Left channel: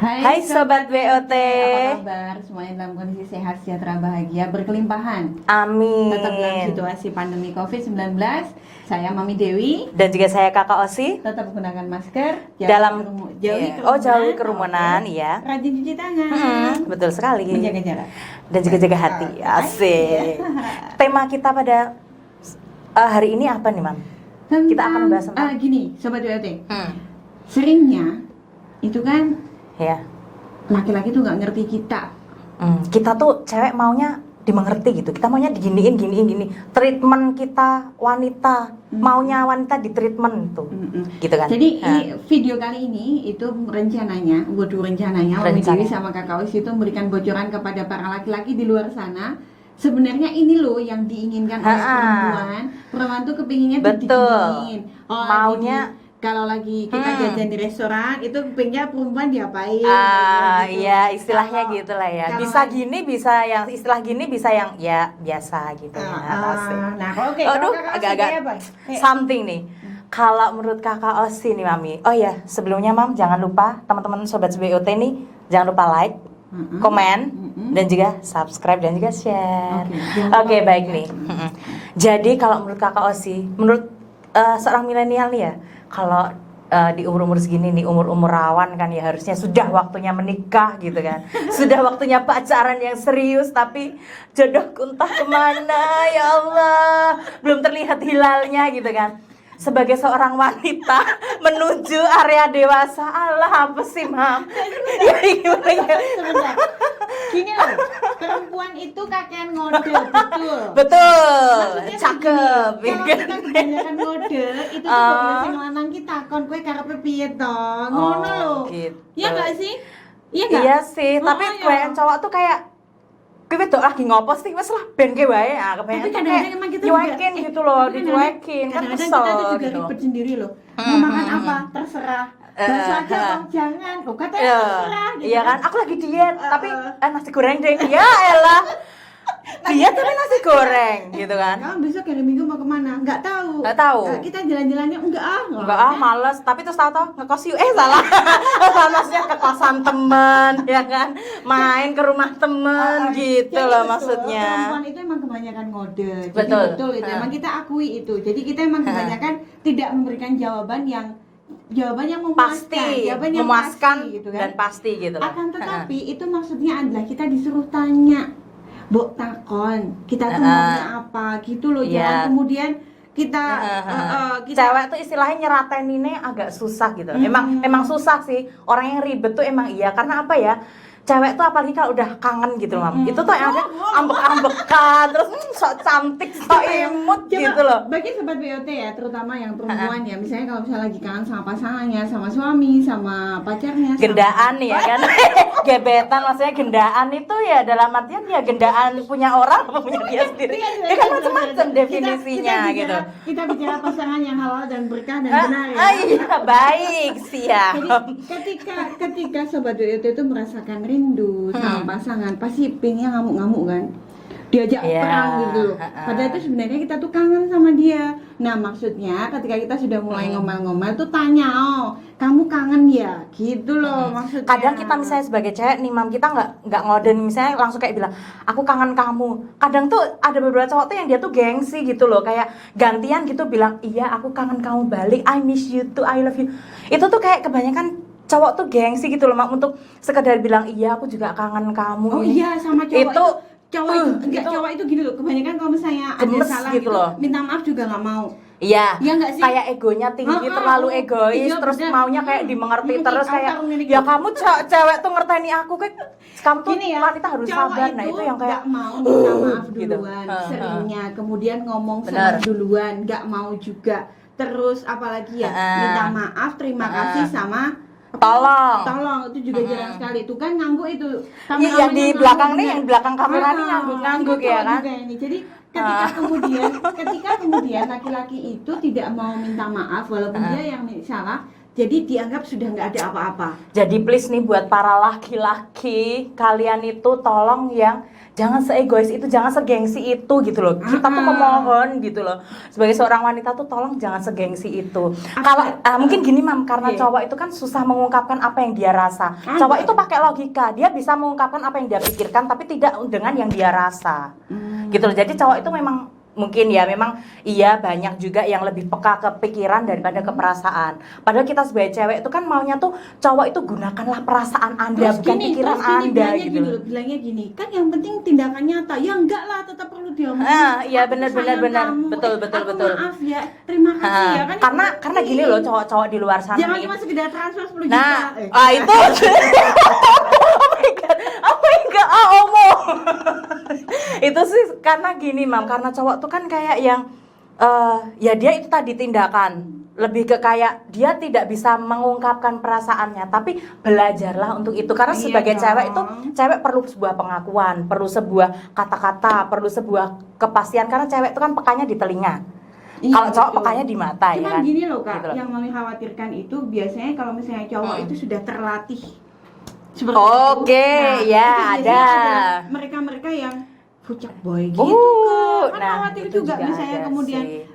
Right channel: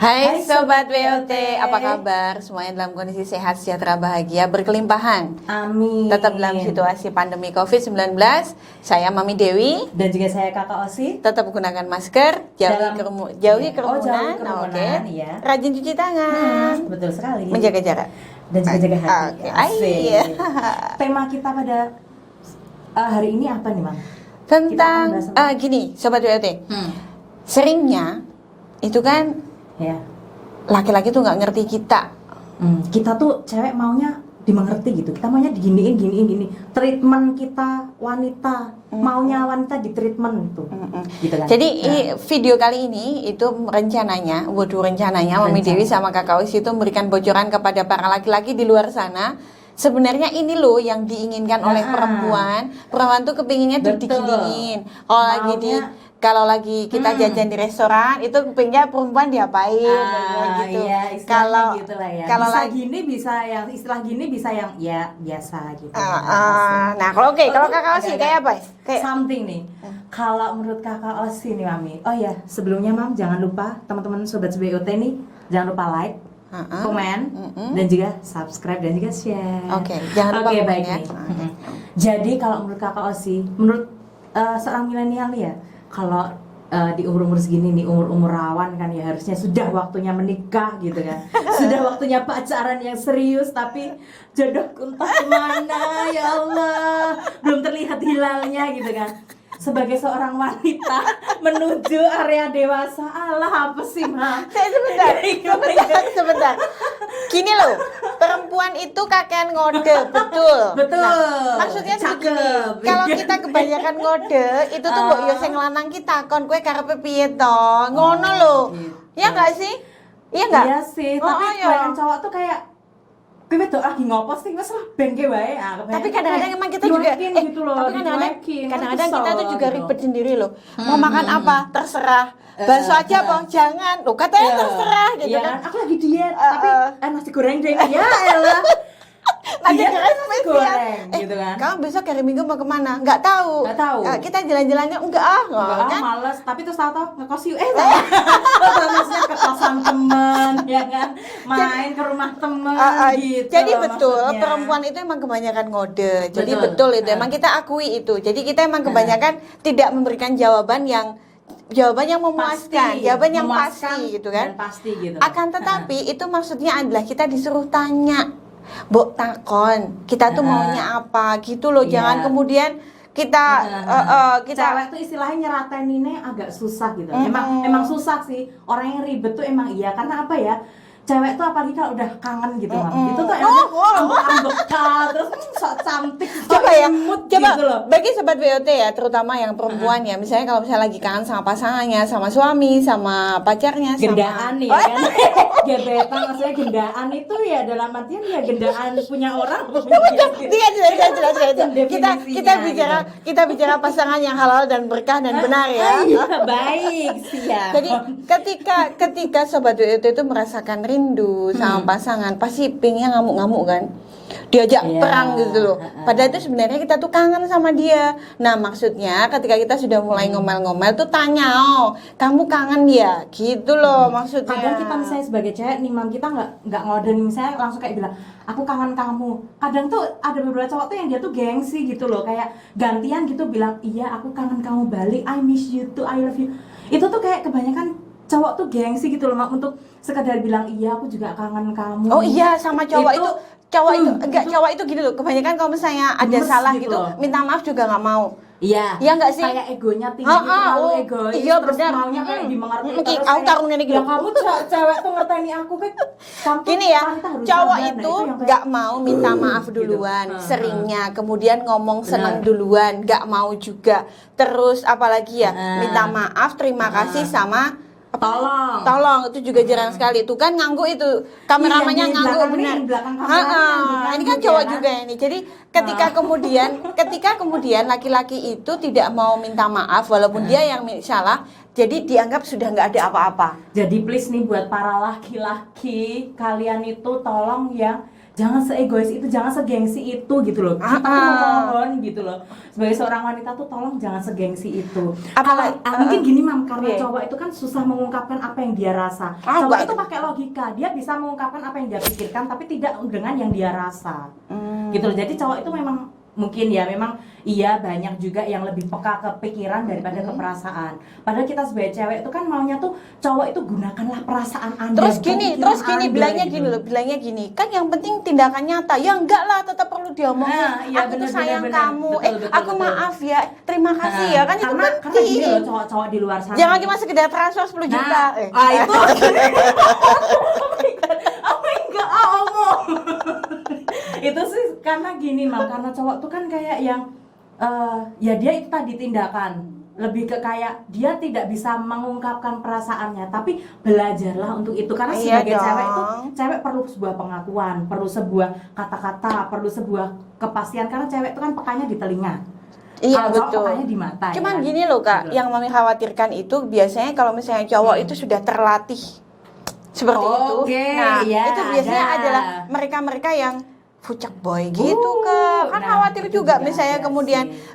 Hai Sobat WOT, apa kabar? Semuanya dalam kondisi sehat, sejahtera, bahagia, berkelimpahan. Amin. Tetap dalam situasi pandemi COVID-19. Saya Mami Dewi. Dan juga saya Kakak Osi. Tetap gunakan masker, jauhi kerumunan, ya. Rajin cuci tangan. Betul sekali. Menjaga jarak. Dan juga jaga hati. Asik. Tema kita pada hari ini apa nih, Mam? Kita akan bahas gini, Sobat WOT. Seringnya itu kan ya, laki-laki tuh nggak ngerti kita. Kita tuh cewek maunya dimengerti gitu. Kita maunya diginiin, gini. Treatment kita wanita, maunya wanita di treatment gitu kan. Jadi video kali ini itu rencananya Mami Dewi sama Kakak Osi itu memberikan bocoran kepada para laki-laki di luar sana. Sebenarnya ini loh yang diinginkan oleh perempuan. Perempuan tuh kepinginnya diginiin. Kalau lagi kita jajan di restoran itu kepingnya perempuan diapain gitu. Iya, istilahnya gitu lah ya. Kalau bisa gini, bisa yang istilah gini, bisa yang ya biasa gitu. Nah, kalau Kakak Osi kayak apa? Kayak something nih. Kalau menurut Kakak Osi nih, Mami. Oh ya, sebelumnya Mam, jangan lupa teman-teman sobat BOT nih, jangan lupa like, komen, dan juga subscribe dan juga share. Oke, baik nih. Jadi kalau menurut Kakak Osi, menurut seorang milenial nih ya, kalau di umur-umur segini nih, umur-umur rawan kan ya, harusnya sudah waktunya menikah gitu kan. Sudah waktunya pacaran yang serius, tapi jodohku entah kemana ya Allah, belum terlihat hilalnya gitu kan. Sebagai seorang wanita menuju area dewasa, Allah apa sih, Ma? Sebentar. Gini loh, perempuan itu kakean ngode, betul. Maksudnya cakep. Kalau kita kebanyakan ngode, itu tuh mbok yo sing lanang kita kon kowe karepe piye to? Ngono lho. Gitu. Iya enggak sih? Iya enggak? Iya sih, tapi kebanyakan cowok tuh kayak kowe wedok lagi ngopo sih, wes lah ben ke wae. Tapi kadang-kadang emang kita juga gitu loh, kadang-kadang kita tuh juga ribet sendiri loh. Mau makan apa? Terserah. Bakso aja bang, jangan. Loh katanya terserah gitu kan. Aku lagi diet, tapi nasi goreng deh. Ya elah. Nasi goreng gitu kan. Kamu besok hari Minggu mau kemana? Nggak tahu. Kita jalan-jalannya enggak kan? Males. Tapi terus tahu ngekos yuk. Salah. Maksudnya ke kosan teman, ya kan? Main ke rumah teman gitu. Jadi betul, maksudnya. Perempuan itu emang kebanyakan ngode. Jadi betul itu. Emang kita akui itu. Jadi kita emang kebanyakan tidak memberikan jawaban yang memuaskan, jawaban yang pasti gitu kan. Dan pasti gitu. Akan tetapi itu maksudnya adalah kita disuruh tanya. Mbok takon, kita tuh maunya apa gitu loh. Jangan kemudian kita cewek tuh istilahnya nyerateninnya agak susah gitu. Emang susah sih. Orang yang ribet tuh emang iya, karena apa ya? Cewek tuh apalagi kalau udah kangen gitu, Mam. Itu tuh ambek-ambekan, terus sok cantik, sok imut gitu loh. Bagi sobat BOT ya, terutama yang perempuan ya, misalnya kalau misalnya lagi kangen sama pasangannya, sama suami, sama pacarnya, gendaan nih ya kan. Gebetan maksudnya gendaan itu ya dalam artian ya gendaan punya orang, punya dia sendiri. Kita bicara pasangan yang halal dan berkah dan benar ya. Baik, siap. Jadi ketika sobat BOT itu merasakan rindu sama pasangan, pasti pingnya ngamuk-ngamuk kan, diajak perang gitu loh. Padahal itu sebenarnya kita tuh kangen sama dia. Nah maksudnya ketika kita sudah mulai ngomel-ngomel tuh tanya, kamu kangen ya, gitu loh maksudnya. Kadang kita misalnya sebagai cewek nih, Mam, kita nggak ngoden misalnya langsung kayak bilang aku kangen kamu. Kadang tuh ada beberapa cowok tuh yang dia tuh gengsi gitu loh, kayak gantian gitu bilang iya aku kangen kamu balik, I miss you too, I love you. Itu tuh kayak kebanyakan cowok tuh gengsi gitu loh, Mak, untuk sekedar bilang iya aku juga kangen kamu. Oh iya, sama cowok itu cowok itu gini loh, kebanyakan kalau misalnya ada salah gitu minta maaf juga nggak mau. Iya, nggak sih? Kayak egonya tinggi, terlalu egois, terus maunya kayak dimengerti terus kayak ya kamu cewek tuh ngerteni aku kayak kamu gini ya, cowok itu nggak mau minta maaf duluan, seringnya kemudian ngomong senang duluan, nggak mau juga, terus apalagi ya minta maaf, terima kasih sama tolong itu juga jarang sekali. Tuh kan ngangguk itu kameramennya di belakang nih, belakang kameranya ini kan cowok juga ini. Jadi ketika kemudian laki-laki itu tidak mau minta maaf walaupun dia yang salah, jadi dianggap sudah nggak ada apa-apa. Jadi please nih buat para laki-laki, kalian itu tolong yang jangan seegois itu, jangan segengsi itu gitu loh. Kita tuh memohon gitu loh. Sebagai seorang wanita tuh tolong jangan segengsi itu. Kalau mungkin gini Mam, karena cowok itu kan susah mengungkapkan apa yang dia rasa. Cowok itu pakai logika, dia bisa mengungkapkan apa yang dia pikirkan tapi tidak dengan yang dia rasa. Gitu loh. Jadi cowok itu memang mungkin ya memang iya banyak juga yang lebih peka ke pikiran daripada ke perasaan. Padahal kita sebagai cewek itu kan maunya tuh cowok itu gunakanlah perasaan Anda, terus gini bilangnya gitu. gini loh, bilangnya gini, kan yang penting tindakan nyata. Ya enggak lah, tetap perlu diomongin. Iya Aku benar sayang benar. kamu. Betul. Maaf ya, terima kasih ya kan. Karena gini loh cowok-cowok di luar sana. Jangan cuma sekedar transfer 10 juta. Itu omong. Itu sih karena gini Mam, karena cowok tuh kan kayak yang ya dia itu tadi tindakan lebih ke kayak dia tidak bisa mengungkapkan perasaannya, tapi belajarlah untuk itu karena sebagai cewek itu cewek perlu sebuah pengakuan, perlu sebuah kata-kata, perlu sebuah kepastian karena cewek itu kan pekanya di telinga. Kalau cowok pekanya di mata. Cuman ya kan? gini loh Kak, gitu loh. yang Mami khawatirkan itu biasanya kalau misalnya cowok itu sudah terlatih seperti Oke, itu. Nah, ya, itu biasanya ada. adalah mereka-mereka yang fucek boy gitu Kak. Kan khawatir itu juga juga misalnya ada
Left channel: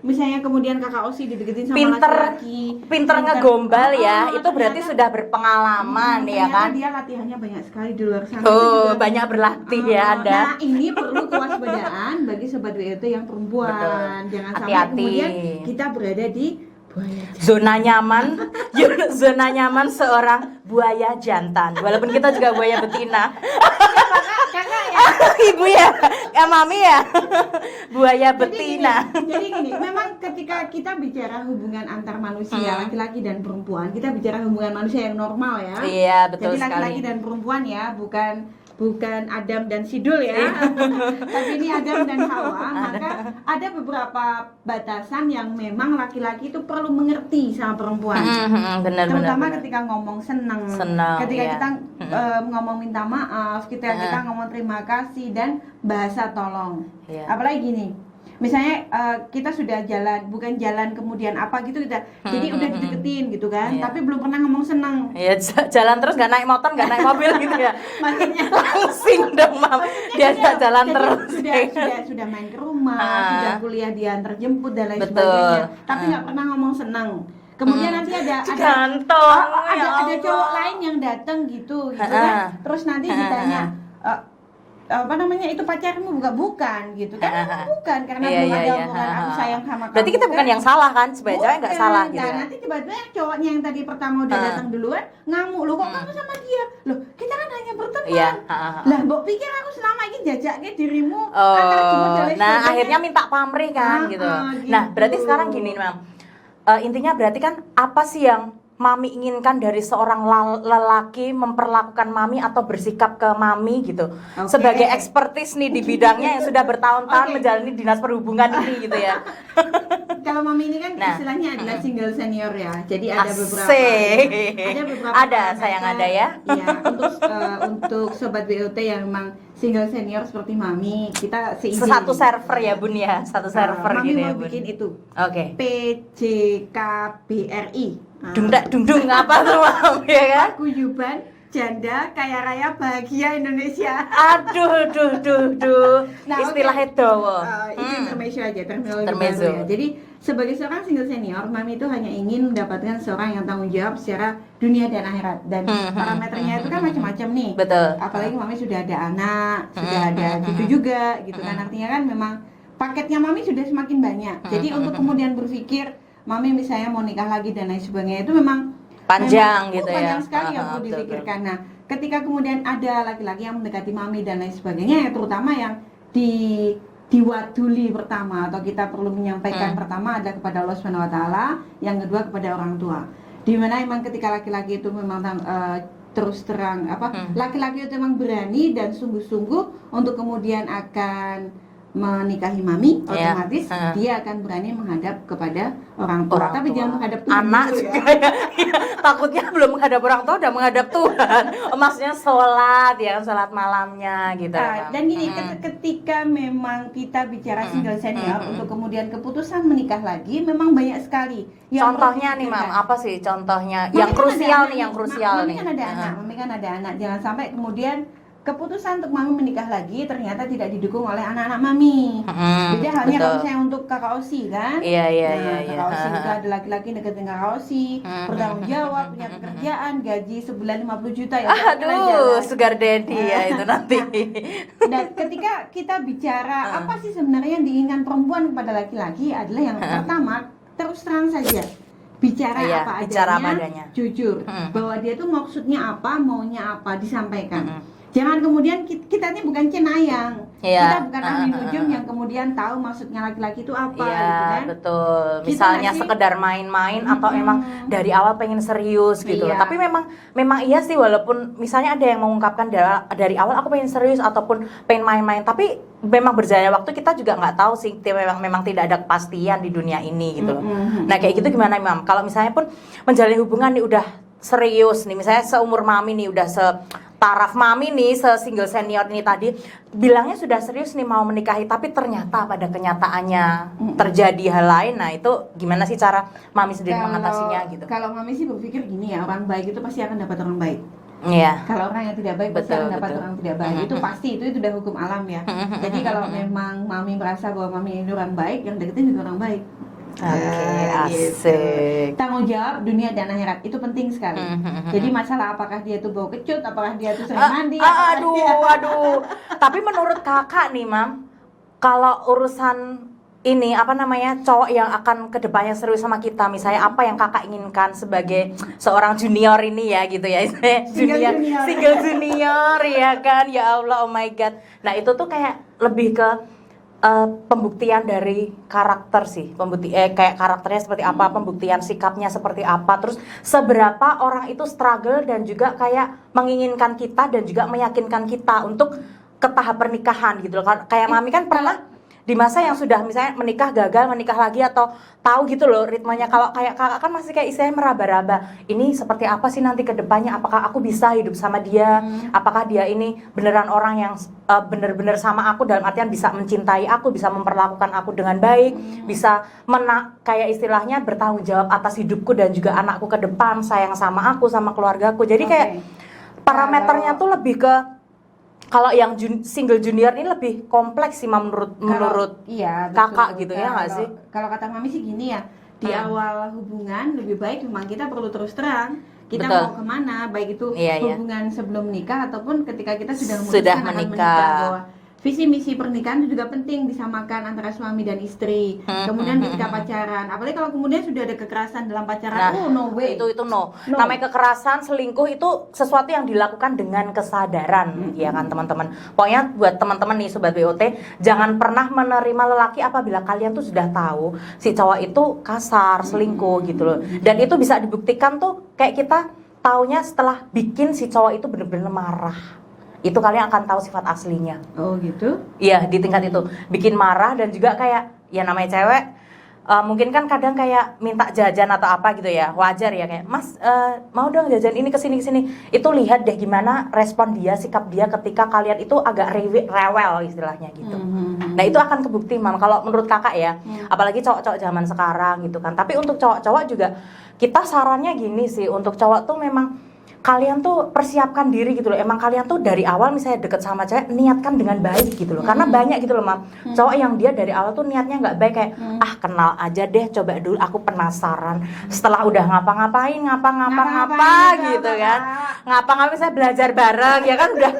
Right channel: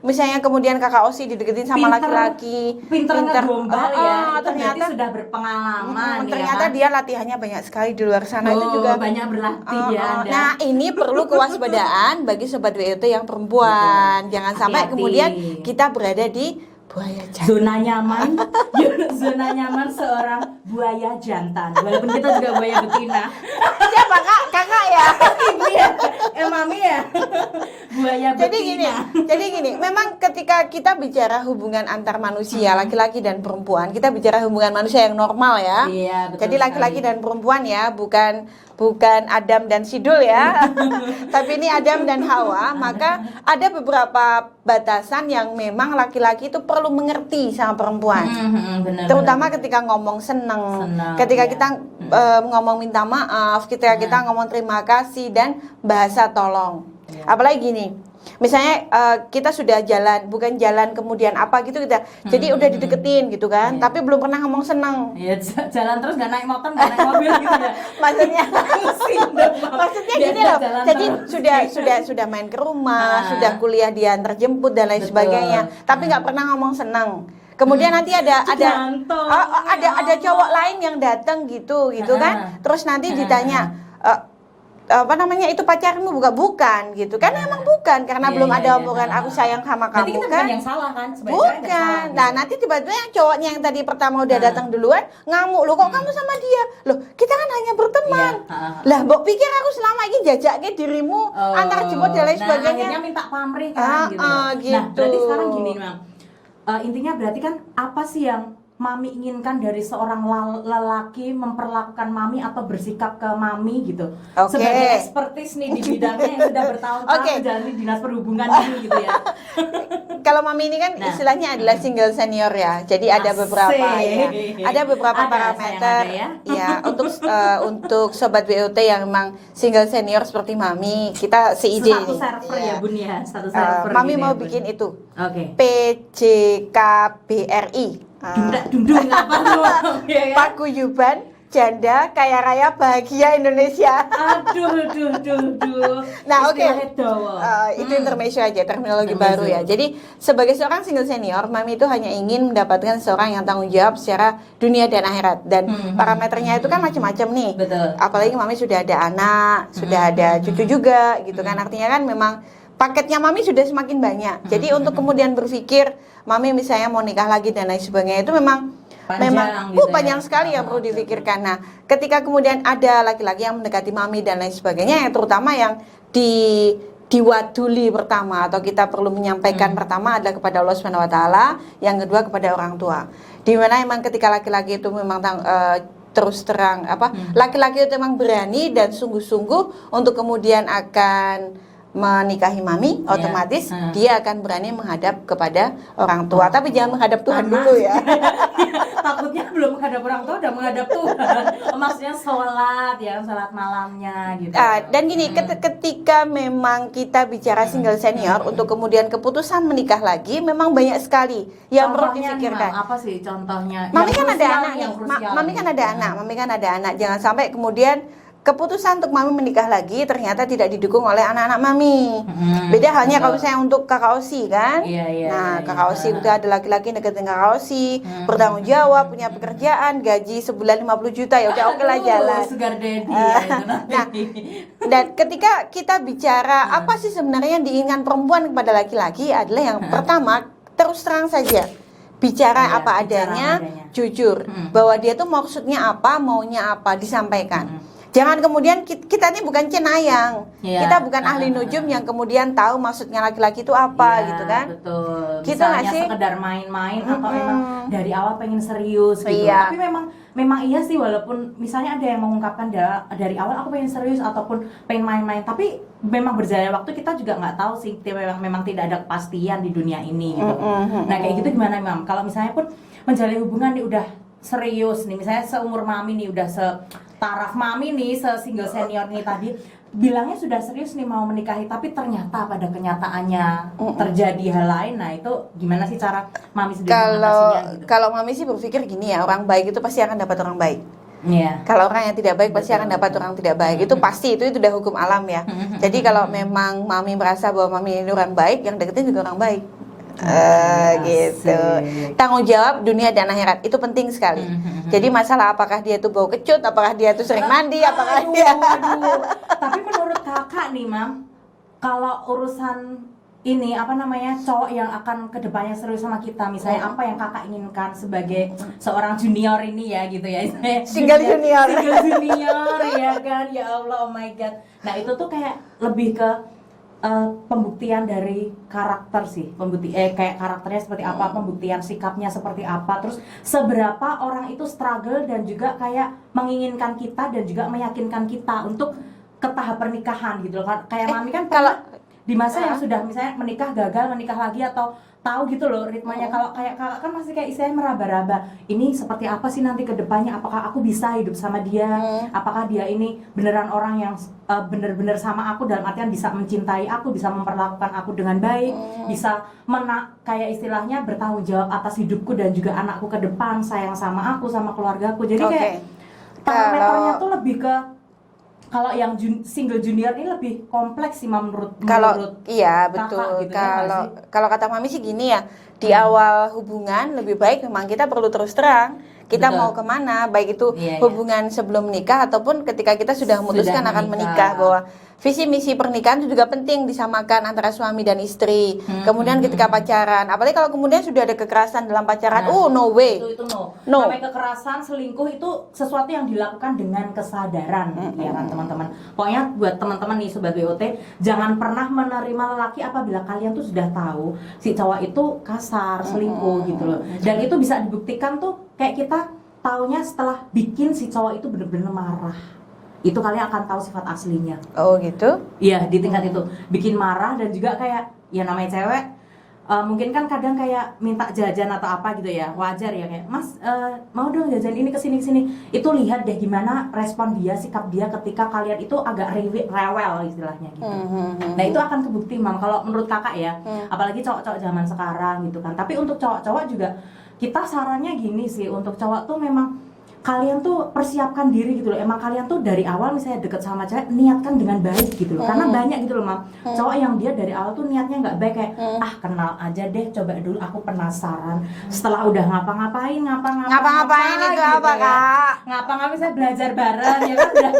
misalnya kemudian Kakak Osi dideketin sama laki-laki, pinter ngegombal ya. Itu berarti ternyata sudah berpengalaman ya ternyata kan. dia latihannya banyak sekali di luar sana. Itu juga banyak berlatih ya ada. Nah, ini perlu kewaspadaan bagi sobat WOT yang perempuan. Jangan sampai Hati-hati. kemudian kita berada di buaya jantan. Zona nyaman seorang buaya jantan. Walaupun kita juga buaya betina. Siapa Kak? Kakak ya? Ibu ya, mami ya. Buaya Jadi betina. gini, memang ketika kita bicara hubungan antar manusia, laki-laki dan perempuan, kita bicara hubungan manusia yang normal ya. Iya, betul. Jadi laki-laki dan perempuan ya, bukan Adam dan Sidul ya. Tapi ini Adam dan Hawa. Maka ada beberapa batasan yang memang laki-laki itu perlu mengerti sama perempuan. Terutama ketika ngomong seneng, ketika kita ngomong minta maaf, ketika kita ngomong terima kasih dan bahasa tolong. Apalagi gini, misalnya kita sudah bukan jalan kemudian apa gitu kita, jadi udah dideketin gitu kan, tapi belum pernah ngomong seneng. Ya jalan terus nggak naik motor, nggak naik mobil gitu ya. Maksudnya pusing dong Mam. Maksudnya gini loh, jalan jadi terus. sudah main ke rumah, sudah kuliah diantar jemput dan lain sebagainya, tapi nggak pernah ngomong seneng. Kemudian nanti ada cowok lain yang datang gitu kan, terus nanti ditanya apa namanya itu pacarmu bukan gitu kan, memang bukan karena belum ada omongan aku sayang sama kamu. Berarti kita bukan kan? yang salah kan, sebenarnya cewek nggak salah. Gitu. Nah nanti tiba-tiba yang cowoknya yang tadi pertama udah datang duluan ngamuk, loh kok kamu sama dia, loh kita kan hanya berteman. Lah mbok pikir aku selama ini jajaknya dirimu antar jemput dan lain sebagainya. Nah akhirnya minta pamrih kan gitu. Nah berarti sekarang gini Mam, intinya berarti kan apa sih yang Mami inginkan dari seorang lelaki memperlakukan Mami atau bersikap ke Mami gitu. Sebagai ekspertis nih di bidangnya yang sudah bertahun-tahun menjalani dinas perhubungan ini gitu ya. Kalau Mami ini kan istilahnya adalah single senior ya. Jadi ada beberapa parameter yang ada ya. Ya, untuk sobat BOT yang memang single senior seperti Mami, kita seide. Satu server ya Bun ya, satu server. Mami gini mau ya, bikin itu. Oke. PJKBRI. Dung apa tuh ya kan? Paguyuban Janda Kaya Raya Bahagia Indonesia. Aduh. Nah, istilahnya dawa. Itu intermezzo aja, terminologi baru ya. Jadi sebagai seorang single senior, Mami itu hanya ingin mendapatkan seorang yang tanggung jawab secara dunia dan akhirat. Dan parameternya itu kan macam-macam nih. Betul. Apalagi Mami sudah ada anak, sudah ada cucu juga, gitu kan. Artinya kan memang paketnya Mami sudah semakin banyak. Jadi untuk kemudian berpikir Mami misalnya mau nikah lagi dan lain sebagainya itu memang panjang gitu panjang ya. sekali yang perlu dipikirkan. Nah, ketika kemudian ada laki-laki yang mendekati Mami dan lain sebagainya, terutama yang diwaduli pertama atau kita perlu menyampaikan pertama adalah kepada Allah Subhanahu wa taala, yang kedua kepada orang tua. Di mana memang ketika laki-laki itu memang terus terang laki-laki itu memang berani dan sungguh-sungguh untuk kemudian akan menikahi Mami, otomatis dia akan berani menghadap kepada orang tua. Tapi jangan menghadap Tuhan dulu ya. Takutnya belum menghadap orang tua udah menghadap Tuhan. Maksudnya sholat malamnya gitu. Dan gini, ketika memang kita bicara single senior untuk kemudian keputusan menikah lagi, memang banyak sekali yang contohnya nih Mam, apa sih contohnya Mami yang krusial? Mami kan ada anak. Jangan sampai kemudian keputusan untuk mami menikah lagi ternyata tidak didukung oleh anak-anak mami. Beda halnya kalau saya untuk kakak Osi kan. Nah, kakak Osi udah ada laki-laki deketin kakak Osi, bertanggung jawab, punya pekerjaan, gaji sebulan 50 juta ya udah oke lah jalan. Sugar daddy ya itu nanti. Dan ketika kita bicara apa sih sebenarnya yang diinginkan perempuan kepada laki-laki adalah yang pertama terus terang saja. Bicara apa adanya, jujur bahwa dia tuh maksudnya apa, maunya apa, disampaikan. Jangan kemudian kita ini bukan cenayang, kita bukan ahli nujum yang kemudian tahu maksudnya laki-laki itu apa gitu kan? Betul. Kita Misalnya sekedar main-main atau emang dari awal pengen serius gitu. Tapi memang iya sih, walaupun misalnya ada yang mengungkapkan dari awal aku pengen serius ataupun pengen main-main, tapi memang berjalannya waktu kita juga nggak tahu sih, memang tidak ada kepastian di dunia ini gitu. Nah kayak gitu gimana Mam? Kalau misalnya pun menjalin hubungan nih udah serius nih, misalnya seumur mami nih, udah setaraf mami nih, se-single senior ini tadi bilangnya sudah serius nih mau menikahi, tapi ternyata pada kenyataannya terjadi hal lain. Nah itu gimana sih cara mami sendiri mengatasinya gitu? Kalau mami sih berpikir gini ya, orang baik itu pasti akan dapat orang baik. Iya. Kalau orang yang tidak baik pasti akan dapat orang tidak baik. Itu pasti, itu udah hukum alam ya. Jadi kalau memang mami merasa bahwa mami ini orang baik, yang deketin juga orang baik. Gitu. Tanggung jawab dunia dan akhirat itu penting sekali. Jadi masalah apakah dia tuh bau kecut, apakah dia tuh sering mandi, aduh. Tapi menurut kakak nih Mam, kalau urusan ini apa namanya, cowok yang akan kedepannya serius sama kita, misalnya apa yang kakak inginkan sebagai seorang junior ini ya gitu ya, single junior ya kan, ya Allah, oh my god. Nah itu tuh kayak lebih ke pembuktian dari karakter sih, kayak karakternya seperti apa, pembuktian sikapnya seperti apa, terus seberapa orang itu struggle dan juga kayak menginginkan kita dan juga meyakinkan kita untuk ke tahap pernikahan gitu loh. Kayak mami kan kalau di masa yang sudah misalnya menikah gagal, menikah lagi atau tahu gitu loh ritmenya. Kalau kayak kakak kan masih kayak istilahnya meraba-raba, ini seperti apa sih nanti ke depannya, apakah aku bisa hidup sama dia, apakah dia ini beneran orang yang bener-bener sama aku, dalam artian bisa mencintai aku, bisa memperlakukan aku dengan baik, bisa kayak istilahnya bertanggung jawab atas hidupku dan juga anakku ke depan, sayang sama aku, sama keluargaku. Jadi kayak parameternya tuh lebih ke, kalau yang single junior ini lebih kompleks sih menurut iya betul kakak gitu ya. Kalau kata mami sih gini ya, di awal hubungan lebih baik memang kita perlu terus terang kita mau kemana, baik itu hubungan sebelum menikah ataupun ketika kita sudah memutuskan akan menikah, bahwa visi misi pernikahan itu juga penting disamakan antara suami dan istri. Kemudian ketika pacaran, apalagi kalau kemudian sudah ada kekerasan dalam pacaran, no way. Itu no. Namanya kekerasan, selingkuh itu sesuatu yang dilakukan dengan kesadaran, ya kan teman-teman. Pokoknya buat teman-teman nih sobat BOT, jangan pernah menerima lelaki apabila kalian tuh sudah tahu si cowok itu kasar, selingkuh gitu loh. Dan itu bisa dibuktikan tuh kayak kita taunya setelah bikin si cowok itu bener-bener marah. Itu kalian akan tahu sifat aslinya. Oh gitu? Iya, di tingkat itu bikin marah dan juga kayak ya namanya cewek, mungkin kan kadang kayak minta jajan atau apa gitu ya, wajar ya, kayak Mas mau dong jajan ini kesini. Itu lihat deh gimana respon dia, sikap dia ketika kalian itu agak rewel istilahnya gitu. Nah itu akan kebukti Mam, kalau menurut kakak ya, apalagi cowok-cowok zaman sekarang gitu kan. Tapi untuk cowok-cowok juga kita sarannya gini sih, untuk cowok tuh memang kalian tuh persiapkan diri gitu loh. Emang kalian tuh dari awal misalnya deket sama cewek, niatkan dengan baik gitu loh. Karena banyak gitu loh Mam, cowok yang dia dari awal tuh niatnya nggak baik, kayak kenal aja deh, coba dulu, aku penasaran. Setelah udah ngapa-ngapain gitu ya, ngapa-ngapain saya belajar bareng ya kan, udah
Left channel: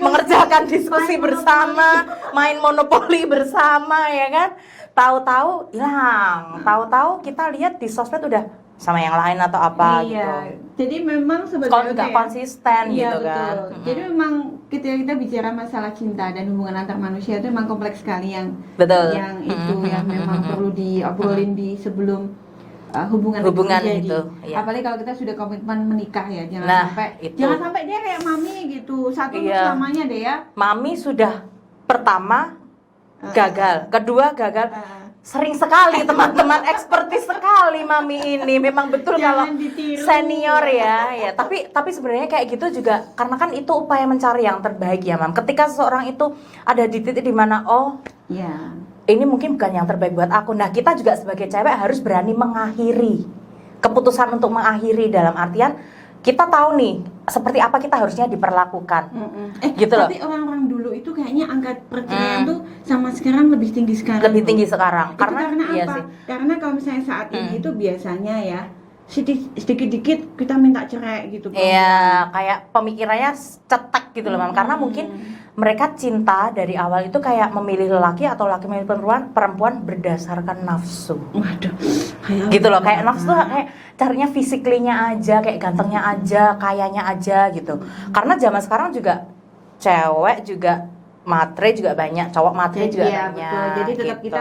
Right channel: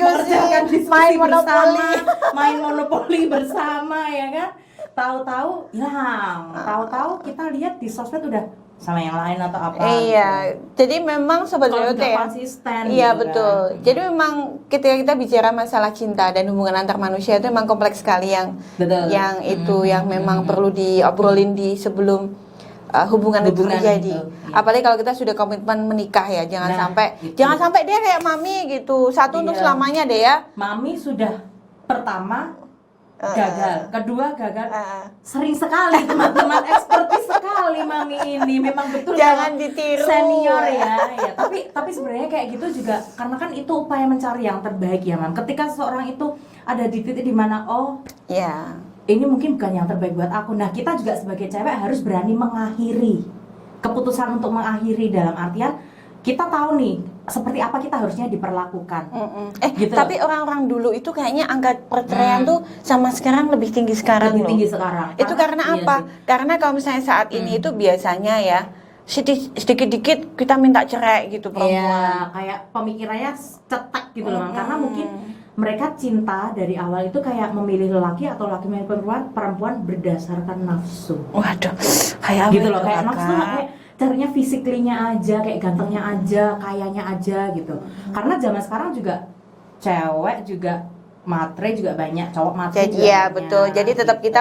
mengerjakan diskusi bersama, main monopoli bersama ya kan. Tahu-tahu hilang, tahu-tahu kita lihat di sosmed udah sama yang lain atau apa. Iya, gitu. Jadi memang sebenarnya nggak konsisten. Iya gitu betul. Kan. Jadi memang ketika kita bicara masalah cinta dan hubungan antar manusia itu memang kompleks sekali yang yang memang perlu diobrolin di sebelum hubungan itu terjadi. Apalagi kalau kita sudah komitmen menikah ya, jangan sampai dia kayak mami gitu. Satu untuk selamanya deh ya. Mami sudah pertama gagal, kedua gagal, sering sekali teman-teman, ekspertis sekali mami ini, memang betul, jangan ditiru senior ya. Tapi sebenarnya kayak gitu juga karena kan itu upaya mencari yang terbaik ya Mam. Ketika seseorang itu ada di titik dimana ini mungkin bukan yang terbaik buat aku. Nah kita juga sebagai cewek harus berani mengakhiri, keputusan untuk mengakhiri dalam artian kita tahu nih seperti apa kita harusnya diperlakukan. Gitu. Tapi orang-orang dulu itu kayaknya angka perceraian tuh sama sekarang lebih tinggi sekarang. Lebih loh. tinggi sekarang. Itu karena iya apa? sih. Karena kalau misalnya saat ini itu biasanya ya sedikit-dikit kita minta cerai gitu. Iya, kayak pemikirannya cetek gitu loh, Mam. Karena mungkin mereka cinta dari awal itu kayak memilih lelaki atau laki memilih perempuan berdasarkan nafsu. Waduh, kayak Gitu loh, kayak apa, nafsu Kak? kayak carinya fisiklinya aja, kayak gantengnya aja, kayanya aja gitu. Karena zaman sekarang juga cewek juga matre juga banyak, cowok matre juga Iya banyak. betul. Jadi tetap gitu. kita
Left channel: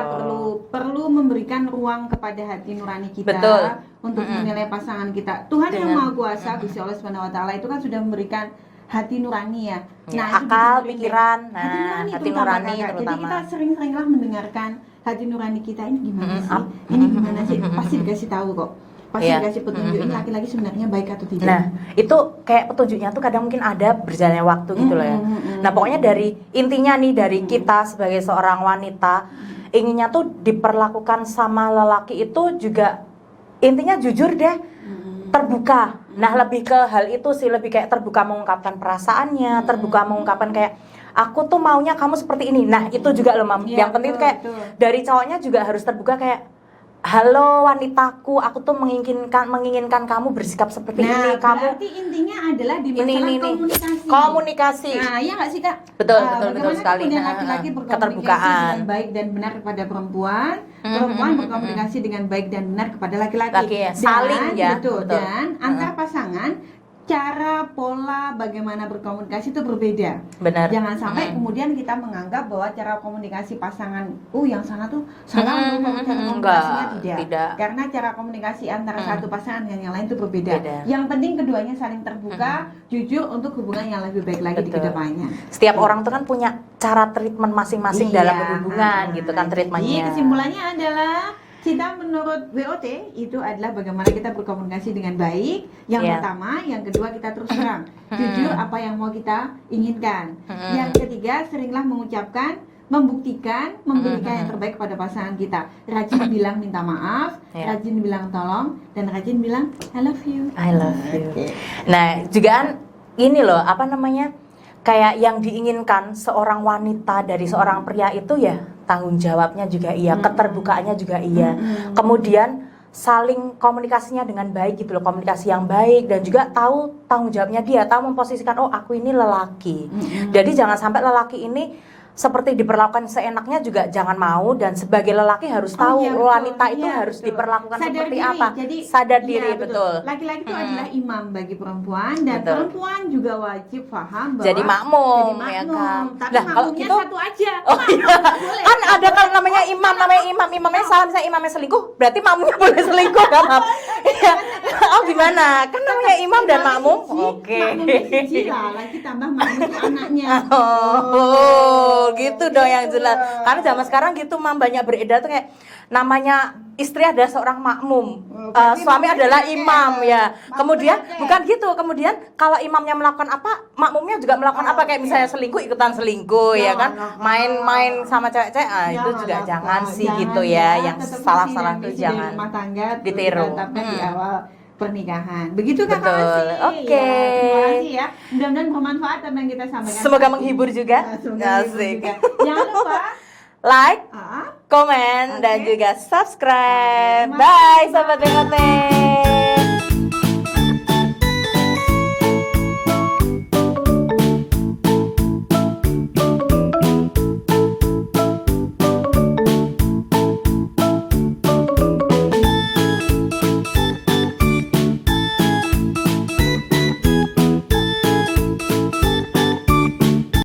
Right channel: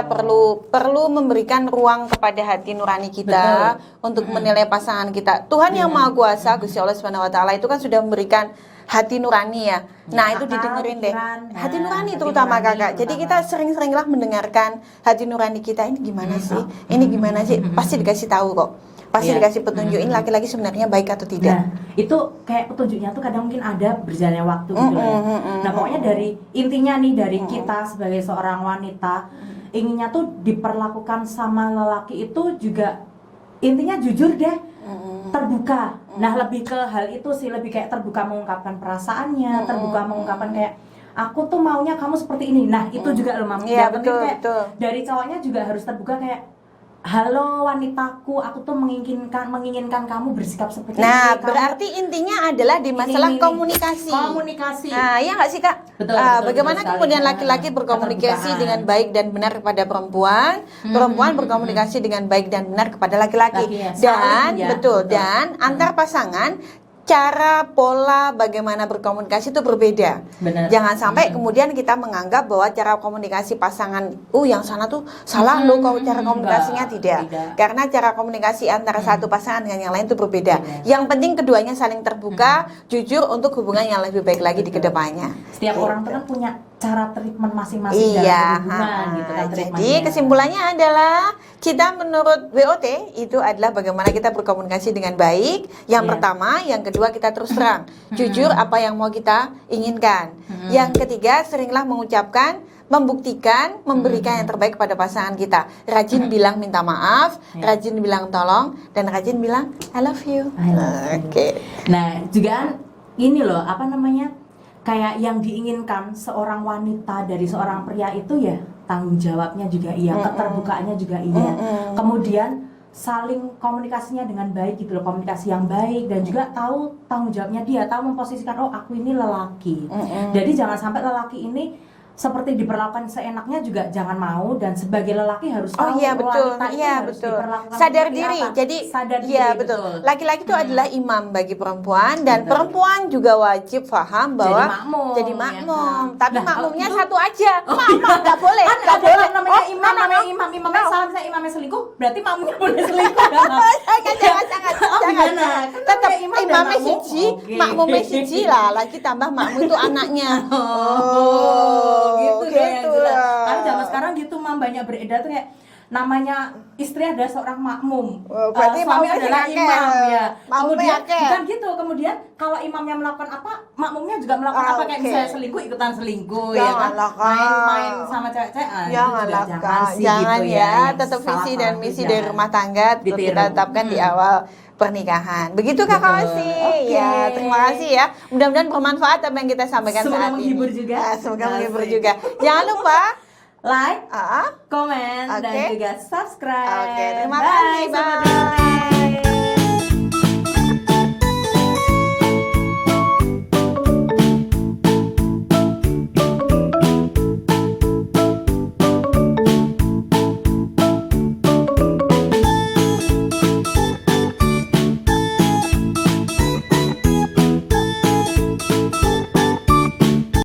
perlu memberikan ruang kepada hati nurani kita Betul. untuk menilai pasangan kita. Tuhan yang Maha Kuasa, Gusti Allah Subhanahu wa taala itu kan sudah memberikan hati nurani ya. Nah, itu akal, didengerin deh. pikiran. Hati Nah, nurani hati terutama nurani Kakak. Jadi terutama. kita sering-seringlah mendengarkan hati nurani kita ini gimana sih? Ini gimana sih? Pasti dikasih tahu kok. Pasti Iya. dikasih petunjuk ini laki-laki sebenarnya baik atau tidak. Nah, itu kayak petunjuknya tuh kadang mungkin ada berjalannya waktu gitu loh ya. Nah, pokoknya dari intinya nih dari kita sebagai seorang wanita inginnya tuh diperlakukan sama lelaki itu juga intinya jujur deh, terbuka. Nah, lebih ke hal itu sih, lebih kayak terbuka mengungkapkan perasaannya, terbuka mengungkapkan kayak aku tuh maunya kamu seperti ini. Nah, itu juga loh, Mam. Iya, Yang penting betul, kayak betul. dari cowoknya juga harus terbuka kayak halo wanitaku, aku tuh menginginkan kamu bersikap seperti Nah, ini. Kamu berarti intinya adalah di masalah ini. Komunikasi. Komunikasi. Nah, iya nggak sih Kak? Betul, betul, bagaimana betul sekali. kemudian laki-laki berkomunikasi Keterbukaan. dengan baik dan benar kepada perempuan, perempuan berkomunikasi dengan baik dan benar kepada laki-laki. Laki ya, Dan saling ya, betul, betul. dan antar pasangan cara pola bagaimana berkomunikasi itu berbeda. Benar. Jangan sampai kemudian kita menganggap bahwa cara komunikasi pasangan, yang sana tuh salah loh kalau cara komunikasinya tidak. Karena cara komunikasi antara satu pasangan dengan yang lain itu berbeda. Beda. Yang penting keduanya saling terbuka, jujur untuk hubungan yang lebih baik lagi di Betul. kedepannya. Setiap orang tuh kan punya cara treatment masing-masing dalam hubungan gitu kan treatmentnya. Jadi kesimpulannya adalah kita menurut WOT itu adalah bagaimana kita berkomunikasi dengan baik. Yang Iya. pertama, yang kedua kita terus terang, jujur apa yang mau kita inginkan. Yang ketiga, seringlah mengucapkan, membuktikan, memberikan yang terbaik kepada pasangan kita. Rajin bilang minta maaf, Iya. rajin bilang tolong, dan rajin bilang I love you. I love you. Oke. Nah, juga kan ini loh, apa namanya? Kayak yang diinginkan seorang wanita dari seorang pria itu ya tanggung jawabnya juga iya, keterbukaannya juga iya. Kemudian saling komunikasinya dengan baik gitu loh, komunikasi yang baik dan juga tahu tanggung jawabnya dia, tahu memposisikan oh aku ini lelaki. Jadi jangan sampai lelaki ini seperti diperlakukan seenaknya juga jangan mau, dan sebagai lelaki harus tahu wanita itu harus diperlakukan sadar seperti diri. apa. Jadi sadar diri, iya, betul. Laki-laki itu adalah imam bagi perempuan, dan Betul. perempuan juga wajib paham bahwa Jadi makmum, jadi ya makmum. kan? Tapi Lah, kalau makmumnya gitu- satu aja. Oh, Makmum nggak boleh. Kan nggak ada boleh. namanya imam, imamnya salah, misalnya imamnya selingkuh, berarti makmumnya boleh selingkuh kan? Mam? Oh gimana? Kan namanya imam dan Imamnya makmum. siji, Oke. makmumnya siji lah, lagi tambah makmum itu anaknya. Oh, gitu dong yang gitu. jelas. Karena zaman sekarang gitu, Mam, banyak beredar tuh kayak namanya istri adalah seorang makmum, berarti suami makmumnya adalah akeh. imam ya. Makmumnya Kemudian akeh. bukan gitu, kemudian kalau imamnya melakukan apa, makmumnya juga melakukan apa, kayak Oke. misalnya selingkuh ikutan selingkuh ya kan, Janganlah, Kak. main-main sama cewek-cewek, itu juga jangan sih gitu ya. Yang tetap visi salah-salah dan tuh misi dari jangan. rumah tangga Ditiru. kita tetapkan di awal pernikahan. Begitu Kakak Betul. Osi. Oke. Ya, terima kasih ya. Mudah-mudahan bermanfaat apa yang kita sampaikan. Semoga saat menghibur ini. juga. Ya, semoga menghibur Asik. juga. Jangan lupa Like, ah, komen, dan Oke. juga subscribe. Oke, terima Bye, kasih, sahabat Bang. Remote.